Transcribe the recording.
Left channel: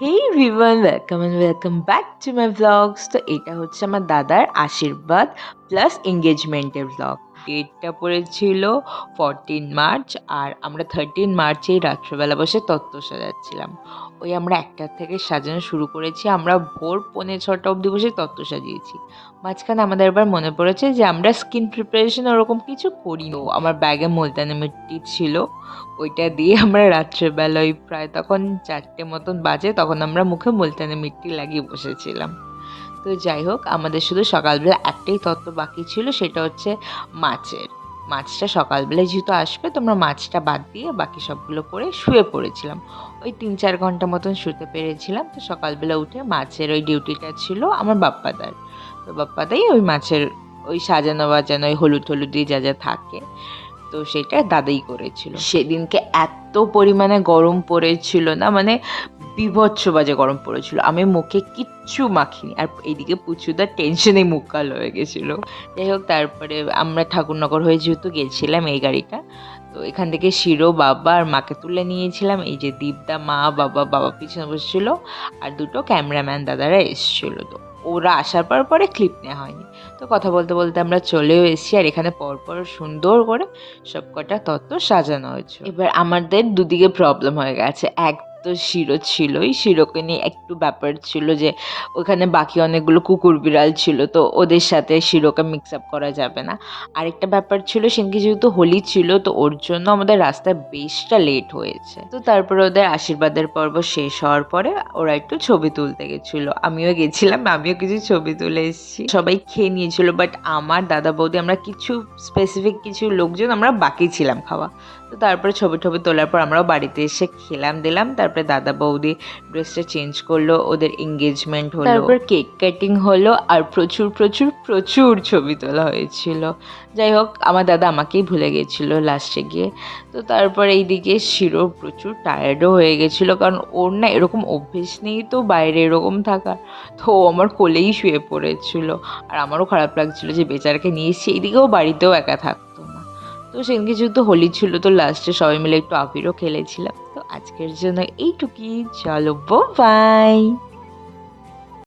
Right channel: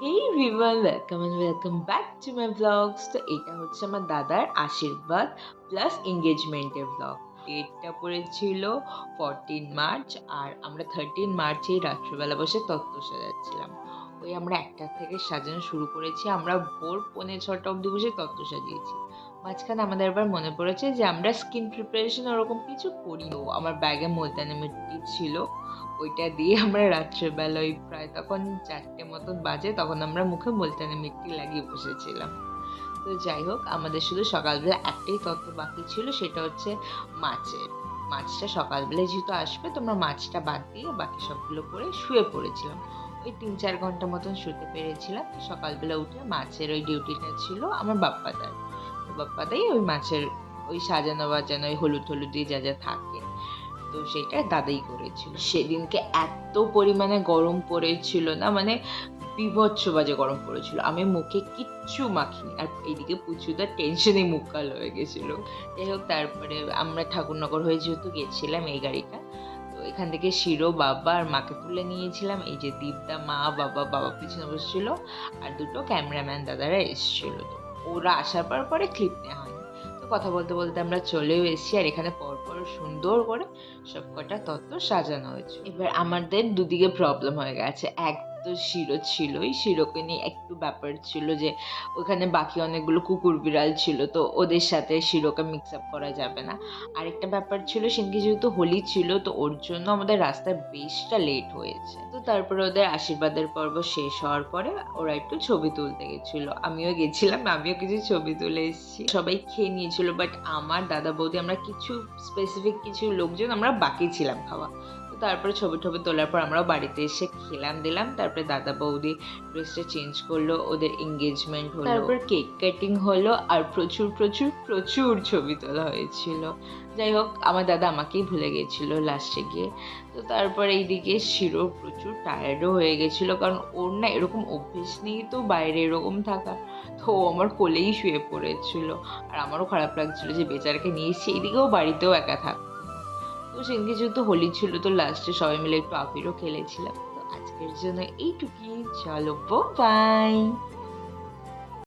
Hey everyone, welcome and welcome back to my vlogs. তো এটা হচ্ছে আমার দাদার আশীর্বাদ প্লাস এঙ্গেজমেন্টের ভ্লগ। ডেটটা পড়েছিল 14 মার্চ আর আমরা 13 মার্চেই রাত্রেবেলা বসে তত্ত্ব সাজাচ্ছিলাম। ওই আমরা 1টা থেকে সাজানো শুরু করেছি, আমরা ভোর 5:45 অবধি বসে তত্ত্ব সাজিয়েছি। মাঝখানে আমাদের এবার মনে পড়েছে যে আমরা স্কিন প্রিপারেশন ওরকম কিছু করিনি। আমার ব্যাগে মুলতানি মিট্টি ছিল, ওইটা দিয়ে আমরা রাত্রেবেলা ওই প্রায় তখন 4টে মতন বাজে, তখন আমরা মুখে মুলতানি মিট্টি লাগিয়ে বসেছিলাম। তো যাই হোক, আমাদের শুধু সকালবেলা একটাই তত্ত্ব বাকি ছিল, সেটা হচ্ছে মাছের। মাছটা সকালবেলায় যেহেতু আসবে, তোমরা মাছটা বাদ দিয়ে বাকি সবগুলো করে শুয়ে পড়েছিলাম। ওই 3-4 ঘন্টা মতন শুতে পেরেছিলাম। তো সকালবেলা উঠে মাছের ওই ডিউটিটা ছিল আমার বাপ্পাদার। তো বাপ্পাদাই ওই মাছের ওই সাজানো বাজানো, ওই হলুদ হলুদ দিয়ে যা যা থাকে, তো সেটা দাদাই করেছিল। সেদিনকে এত পরিমাণে গরম পড়েছিল না, মানে বীভৎস বাজে গরম পড়েছিল। আমি মুখে কিচ্ছু মাখিনি, আর এইদিকে পুচুদার টেনশনে মুখ কালো হয়ে গেছিলো। যাই হোক, তারপরে আমরা ঠাকুরনগর হয়ে যেহেতু গেছিলাম এই গাড়িটা, তো এখান থেকে শিরো বাবা আর মাকে তুলে নিয়েছিলাম। এই যে দীপদা, মা, বাবা পিছনে বসেছিল, আর দুটো ক্যামেরাম্যান দাদারা এসেছিলো। তো ওরা আসার পরে ক্লিপ নেওয়া হয়নি। তো কথা বলতে বলতে আমরা চলেও এসেছি, আর এখানে পরপর সুন্দর করে সব কটা তত্ত্ব সাজানো হয়েছে। এবার আমাদের দুদিকে প্রবলেম হয়ে গেছে। এক তো শিরো ছিলই, শিরোকে নিয়ে একটু ব্যাপার ছিল যে ওখানে বাকি অনেকগুলো কুকুর বিড়াল ছিল, তো ওদের সাথে শিরোকে মিক্স আপ করা যাবে না। আরেকটা ব্যাপার ছিল, সেদিনকে যেহেতু হোলি ছিল, তো ওর জন্য আমাদের রাস্তায় বেশটা লেট হয়েছে। তো তারপরে ওদের আশীর্বাদের পর্ব শেষ হওয়ার পরে ওরা একটু ছবি তুলতে গেছিলো, আমিও গেছিলাম, আমিও কিছু ছবি তুলে এসেছি। সবাই খেয়ে নিয়েছিল, বাট আমার দাদা বৌদি আমরা কিছু স্পেসিফিক কিছু লোকজন আমরা বাকি ছিলাম খাওয়া। তো তারপরে ছবি তোলার পর আমরাও বাড়িতে এসে খেলাম দিলাম। তারপরে দাদা বৌদি ড্রেসটা চেঞ্জ করলো, ওদের এঙ্গেজমেন্ট হলো, তারপর কেক কাটিং হলো, আর প্রচুর প্রচুর প্রচুর ছবি তোলা হয়েছিল। যাই হোক, আমার দাদা আমাকেই ভুলে গেছিলো লাস্টে গিয়ে। তো তারপরে এইদিকে শিরো প্রচুর টায়ার্ডও হয়ে গেছিলো, কারণ ওর না এরকম অভ্যেস নেই তো বাইরে এরকম থাকার। তো ও আমার কোলেই শুয়ে পড়েছিল, আর আমারও খারাপ লাগছিলো যে বেচারাকে নিয়ে এসেছি, এইদিকেও বাড়িতেও একা থাকতো না। তো সেদিনকে যেহেতু হোলি ছিল, তো লাস্টে সবাই মিলে একটু আবিরও খেলেছিলাম। তো আজকের জন্য এইটুকুই, চলো বাই।